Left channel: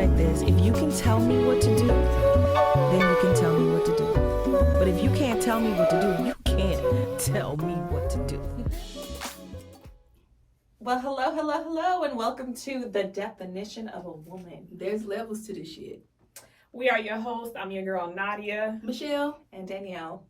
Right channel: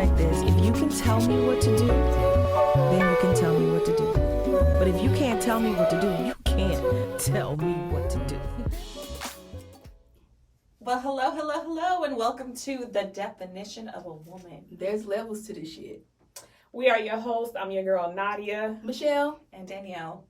like this. If you can tell me what to do, then you can tell me what to do. But if you can't tell me what to do, you can't tell me what to do. Well, hello, and welcome to The Definition of a Woman. There's levels to this shit. We are your hosts. I'm your girl, Nadia. Michelle. And Danielle.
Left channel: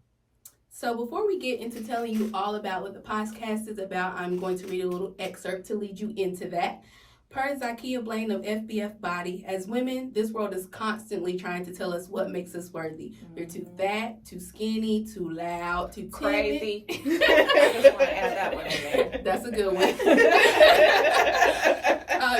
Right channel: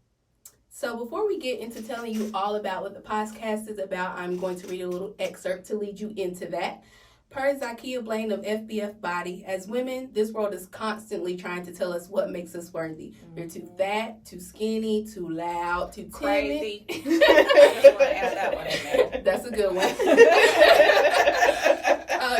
So before we get into telling you all about what the podcast is about, I'm going to read a little excerpt to lead you into that. Per Zakia Blaine of FBF Body, as women, this world is constantly trying to tell us what makes us worthy. We're too fat, too skinny, too loud, too Crazy. timid. I just want to add that one in there. That's a good one.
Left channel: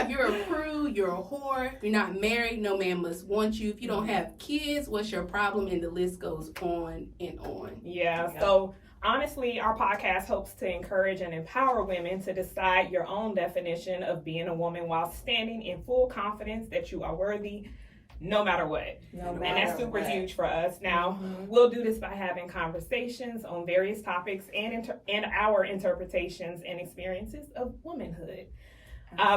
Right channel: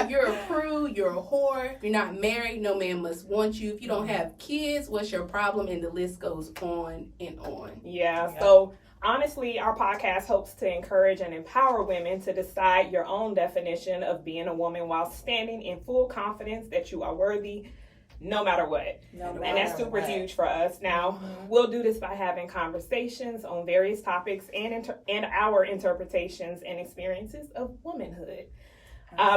You're a prude, you're a whore, you're not married, no man must want you. If you don't have kids, what's your problem? And the list goes on and on. Yeah, so honestly, our podcast hopes to encourage and empower women to decide your own definition of being a woman while standing in full confidence that you are worthy no matter what. And that's super huge for us. Now, we'll do this by having conversations on various topics and our interpretations and experiences of womanhood.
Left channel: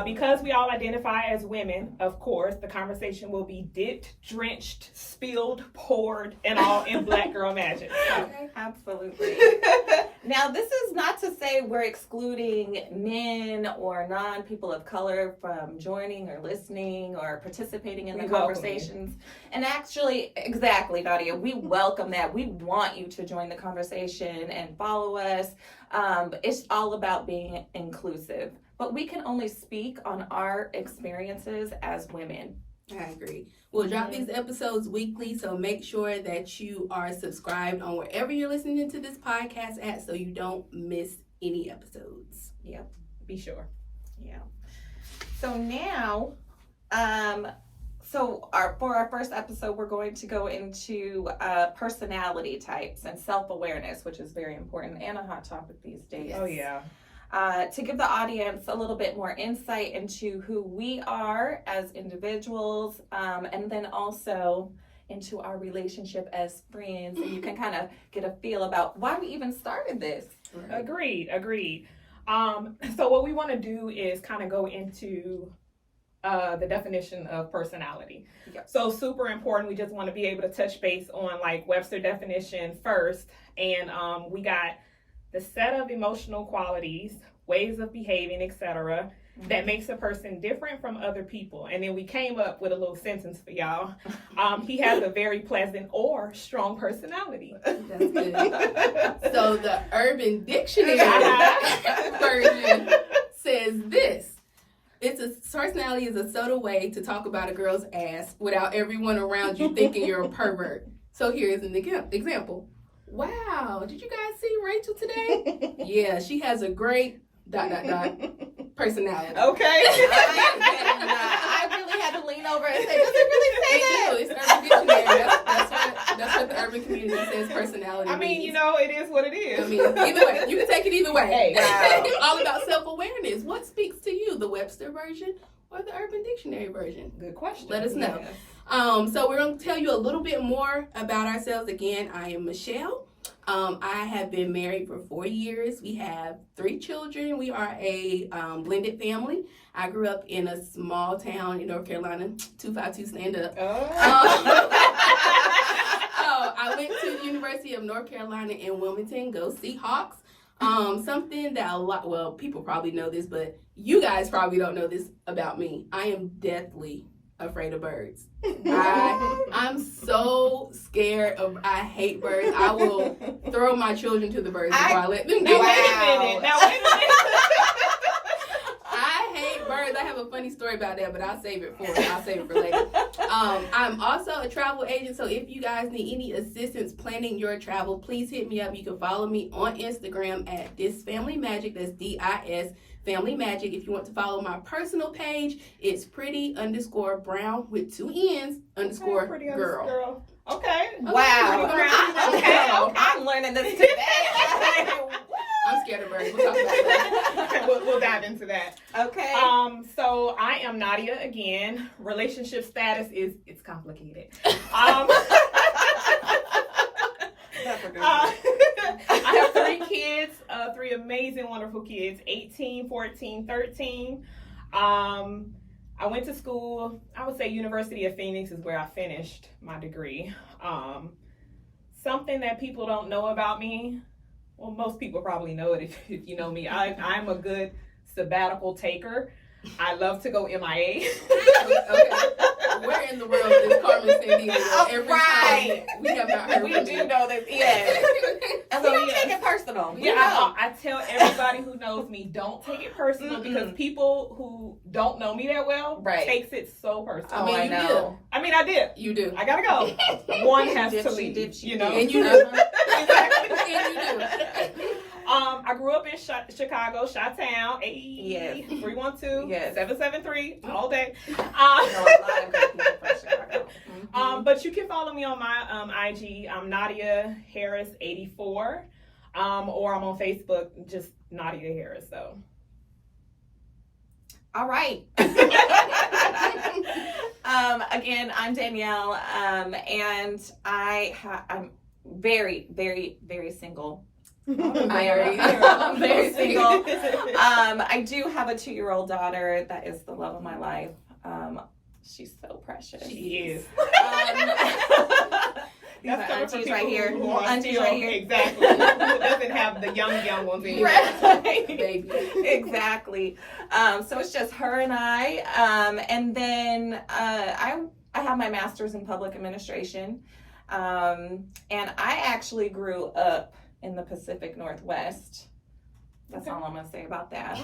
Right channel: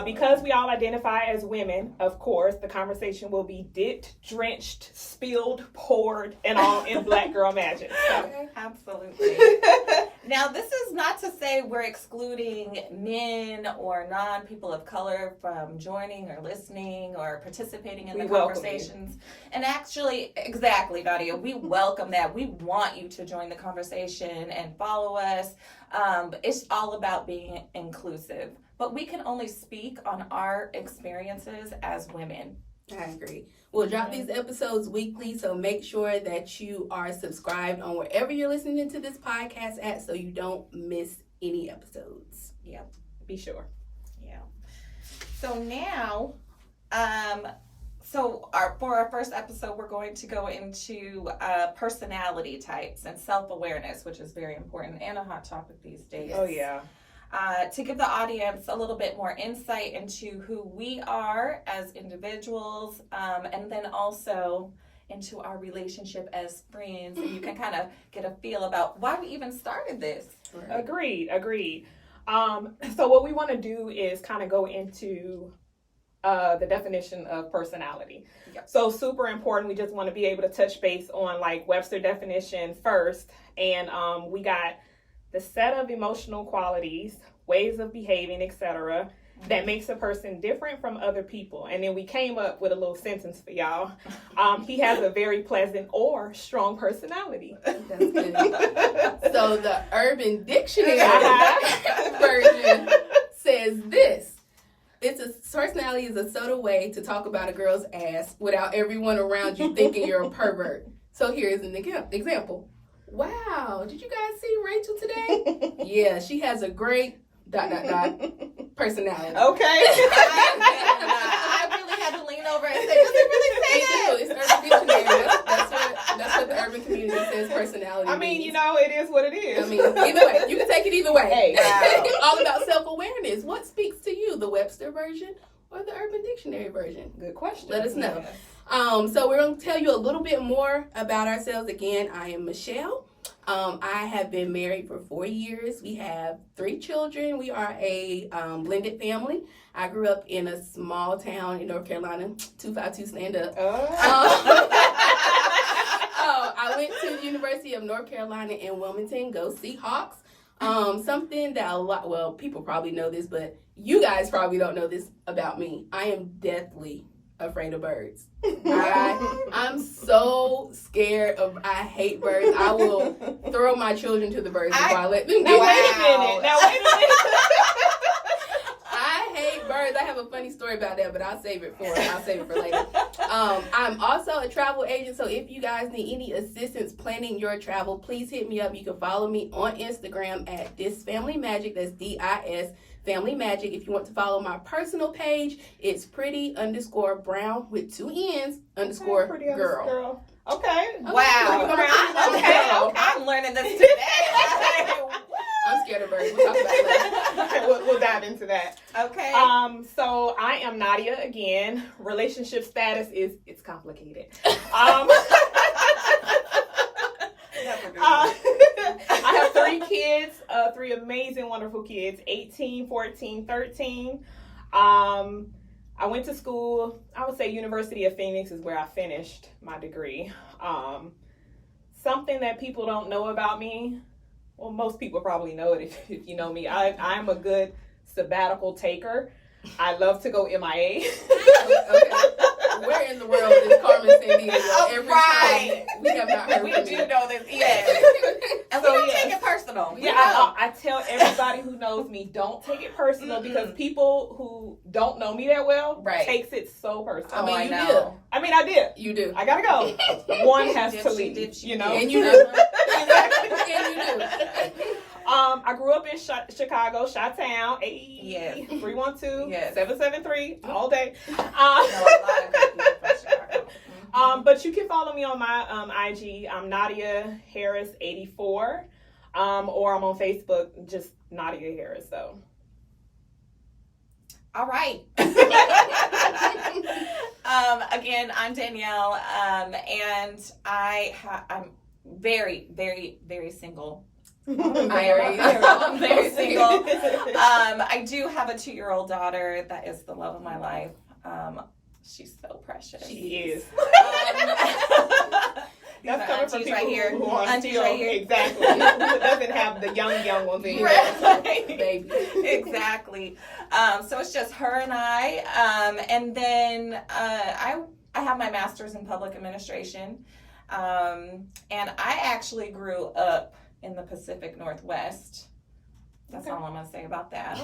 Because we all identify as women, of course, the conversation will be dipped, drenched, spilled, poured, and all in Black Girl Magic. Okay, absolutely. Now, this is not to say we're excluding men or non-people of color from joining or listening or participating in the conversations. And actually, exactly, Nadia, we welcome that. We want you to join the conversation and follow us. It's all about being inclusive. But we can only speak on our experiences as women. I agree. We'll drop these episodes weekly, so make sure that you are subscribed on wherever you're listening to this podcast at so you don't miss any episodes. Yeah. Be sure. Yeah. So now, for our first episode, we're going to go into personality types and self-awareness, which is very important and a hot topic these days. Oh, yeah. To give the audience a little bit more insight into who we are as individuals, and then also into our relationship as friends, and you can kind of get a feel about why we even started this. Right. Agreed. So what we want to do is kind of go into the definition of personality. Yep. So super important. We just want to be able to touch base on like Webster definition first, and we got the set of emotional qualities, ways of behaving, etc., that makes a person different from other people. And then we came up with a little sentence for y'all. He has a very pleasant or strong personality. That's good. So the Urban Dictionary version says this. Personality is a subtle way to talk about a girl's ass without everyone around you thinking you're a pervert. So here's an example. Wow, did you guys see Rachel today? Yeah, she has a great ... personality. Okay. I really had to lean over and say, does it really say that? It's Urban Dictionary. That's what the urban community says personality I mean, means. you know, it is what it is. I mean, either way, you can take it either way. Hey, wow. All about self-awareness. What speaks to you, the Webster version or the Urban Dictionary version? Good question. Let us know. Yeah. So we're going to tell you a little bit more about ourselves. Again, I am Michelle. I have been married for 4 years. We have 3 children. We are a blended family. I grew up in a small town in North Carolina, 252 stand up. I went to the University of North Carolina in Wilmington. Go Seahawks. Something that people probably know this, but you guys probably don't know this about me. I am deathly afraid of birds. I'm so scared of. I hate birds. I will throw my children to the birds before I let them get Wait a them. minute. Now, wait a minute. I hate birds. I have a funny story about that, but I'll save it for later. I'm also a travel agent, so if you guys need any assistance planning your travel, please hit me up. You can follow me on Instagram at This Family Magic. That's DIS Family Magic. If you want to follow my personal page, it's pretty_brown with 2 N's _girl. Girl. Okay. Wow. Okay. I'm learning this today. I'm scared of birds. We'll talk about that. We'll dive into that. Okay. So I am Nadia again. Relationship status it's complicated. I have 3 kids, 3 amazing, wonderful kids, 18, 14, 13. I went to school. I would say University of Phoenix is where I finished my degree. Something that people don't know about me. Well, most people probably know it if you know me. I'm a good sabbatical taker. I love to go MIA. Okay. Where in the world is Carmen Sandiego every time we have not heard We from do you? know this, yes. And we don't take it personal. We know. I tell everybody who knows me, don't take it personal because people who don't know me that well Right. takes it so personal. I mean, I you know. I did. You do. I gotta go. One has to leave. You know. And you do. Exactly. And you do. I grew up in Chicago, Chi-Town, Yes. 312, Yes. 773, all day. I know a lot of good people from Chicago. But you can follow me on my IG. I'm Nadia Harris 84, or I'm on Facebook, just Nadia Harris. So. All right. Again, I'm Danielle, and I'm very, very, very single. I'm very single. I do have a 2-year-old daughter that is the love of my life. She's so precious. She is. That's coming from auntie's people right here. who are Auntie's still, right here. exactly. Who doesn't have the young ones in here. Right. Baby. Exactly. So it's just her and I. And then I have my master's in public administration. And I actually grew up in the Pacific Northwest. That's all I'm going to say about that.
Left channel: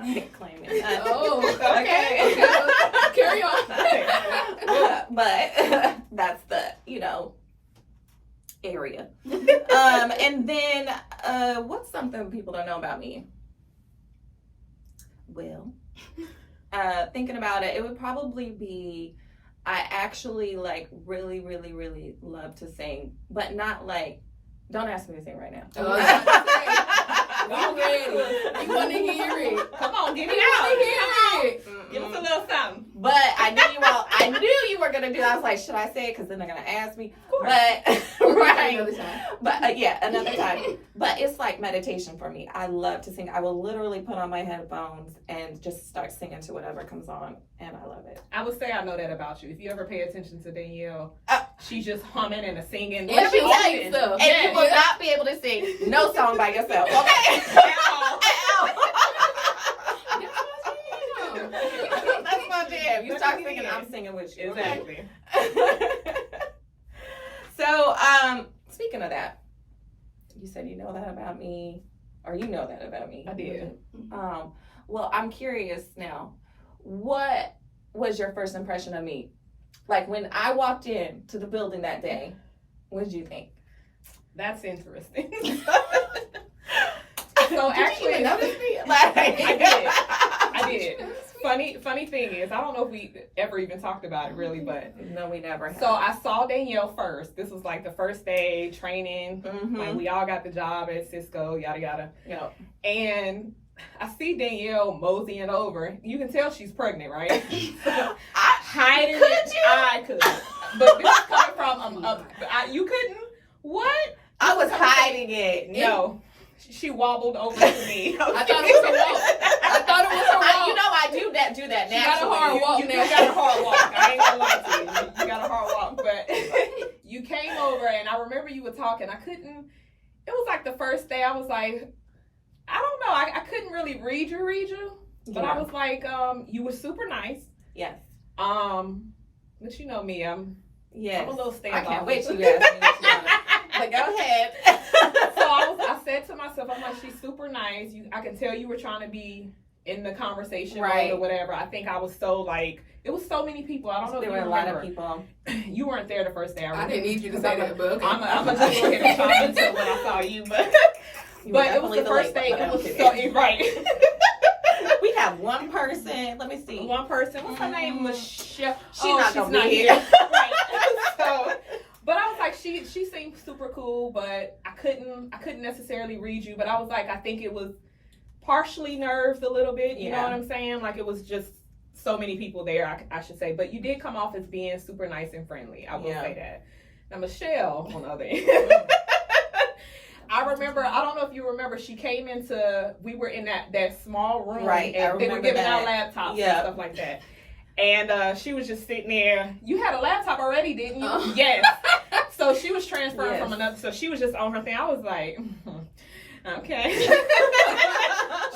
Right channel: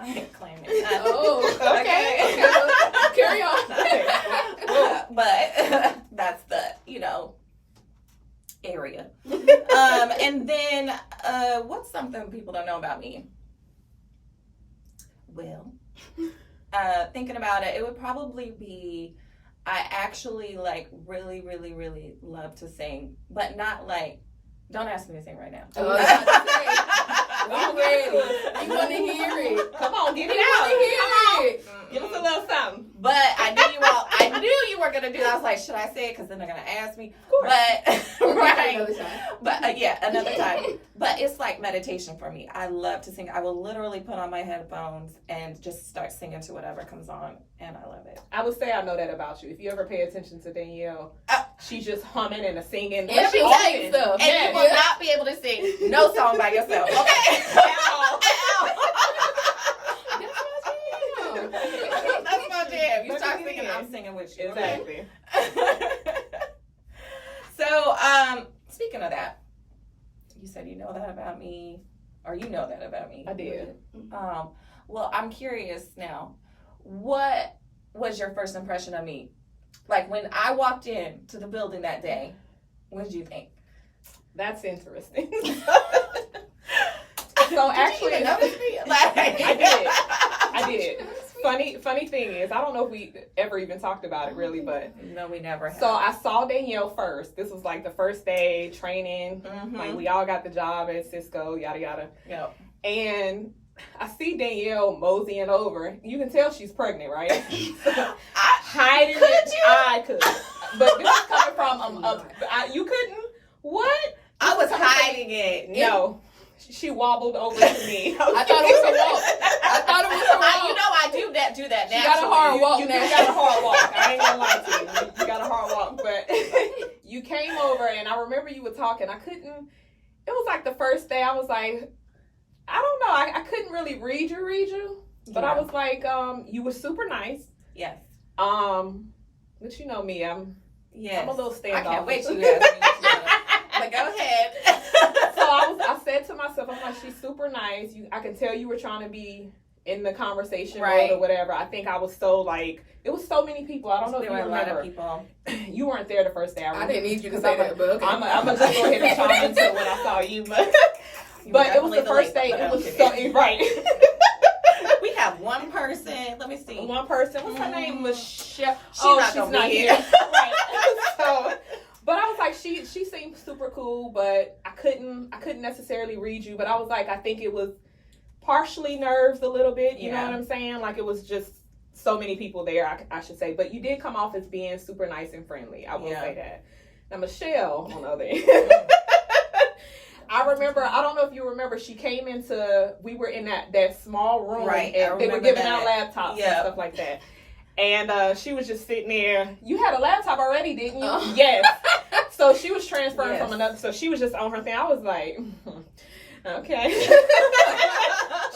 I ain't claiming that. Oh, Okay. okay. Well, carry on. But that's the, area. And then, what's something people don't know about me? Well, thinking about it, it would probably be I actually really, really, really love to sing, but not don't ask me to sing right now. Oh, I was about to say, we ready. We want to hear it. Come on, get We it want out. to hear it. Give us a little something. But I knew you were gonna do it. I was like, should I say it? Because then they're gonna ask me. Of course. But We'll do it right. another time. But yeah, another time. But it's like meditation for me. I love to sing. I will literally put on my headphones and just start singing to whatever comes on, and I love it. I would say I know that about you. If you ever pay attention to Danielle, she's just humming and singing. And she often. sings stuff. And you will not be able to sing no song by yourself. Okay. That's my jam. You start singing, I'm singing with you. Exactly. So, speaking of that, you said you know that about me, or you know that about me. I did. Well, I'm curious now. What was your first impression of me? Like when I walked in to the building that day, what did you think? That's interesting. So So actually, you even notice me? I did. Funny thing is, I don't know if we ever even talked about it really, but No, we never have. so I saw Danielle first. This was like the first day training. Like we all got the job at Cisco, yada yada. Yep. And I see Danielle moseying over. You can tell she's pregnant, right? Hiding it. I could, but this is coming from you couldn't. What? I was hiding it. No. She wobbled over to me. I thought it was a walk. I thought it was a walk. You know I do that. She got a naturally. hard walk You now. got a hard walk. I ain't gonna lie to you. You got a hard walk. But you came over and I remember you were talking. It was like the first day I was like, I don't know. I couldn't really read you. But I was like, you were super nice. Yes. But you know me, I'm a little standoffish. I can't wait till you ask me what you want. But go ahead. So I said to myself, I'm like, she's super nice. I can tell you were trying to be in the conversation Right. mode or whatever. I think I was so it was so many people. I don't know There if were you a lot remember. of people. You weren't there the first day. I didn't need you to say that, but okay. I'm gonna just go ahead and chime into it when I saw you, but You were it was the definitely first late day. one, It but was okay. so right. We have one person. Let me see. One person. What's her name? Michelle. She's not gonna be here. Right. So, but I was like, she seemed super cool, but I couldn't necessarily read you. But I was like, I think it was partially nerves a little bit. You know Yeah. what I'm saying? Like it was just so many people there. I should say. But you did come off as being super nice and friendly. I will Yeah. say that. Now Michelle, on the other end, I remember, I don't know if you remember, she came into, we were in that small room. Right, I And they were remember giving that. out laptops Yep. and stuff like that. And she was just sitting there. You had a laptop already, didn't you? Oh. Yes. So she was transferring Yes. from another. So she was just on her thing. I was like, okay.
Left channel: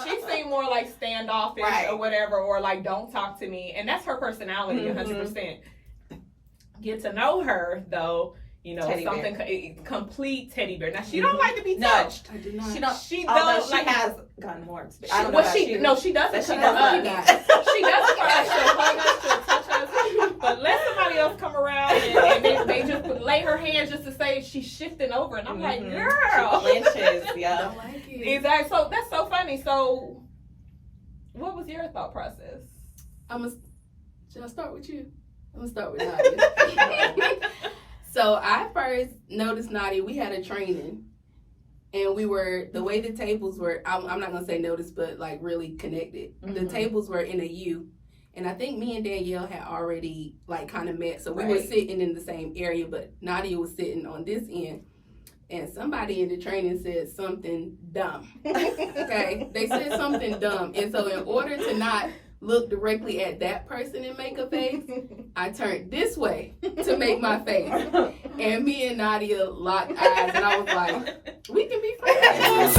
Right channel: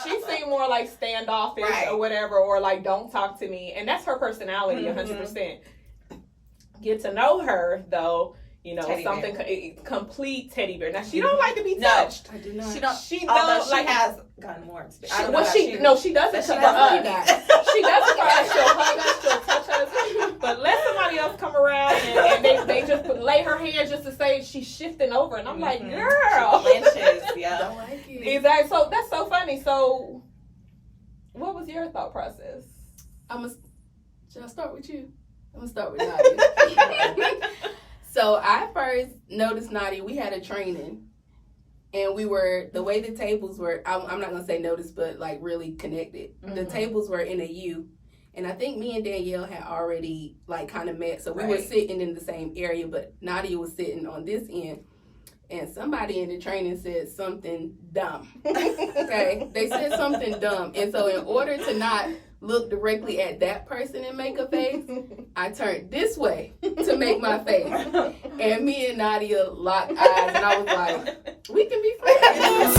She seemed more like standoffish Right. or whatever, or like don't talk to me. And that's her personality, Mhm. 100%. Get to know her though. You know, Teddy something complete teddy bear. Now she don't like to be No. touched. I do not. She don't. She Although don't she like. has gotten more experience. I She, don't know well, about she you. no, she doesn't. But she come doesn't up. do that. She doesn't like she'll hug us, she'll touch us. But let somebody else come around and they just lay her hand just to say she's shifting over, and I'm like, Mhm. girl. She flinches, I yeah. don't like it. Exactly. So that's so funny. So, what was your thought process? Should I start with you? I'm gonna start with Nadia. So I first noticed Nadia. We had a training, and we were the way the tables were. I'm not gonna say noticed, but like really connected. The Mhm. tables were in a U, and I think me and Danielle had already like kind of met. So we were Right. sitting in the same area, but Nadia was sitting on this end. And somebody in the training said something dumb. Okay, they said something dumb, and so in order to not look directly at that person and make a face, I turned this way to make my face. And me and Nadia locked eyes, and I was like, we can be friends.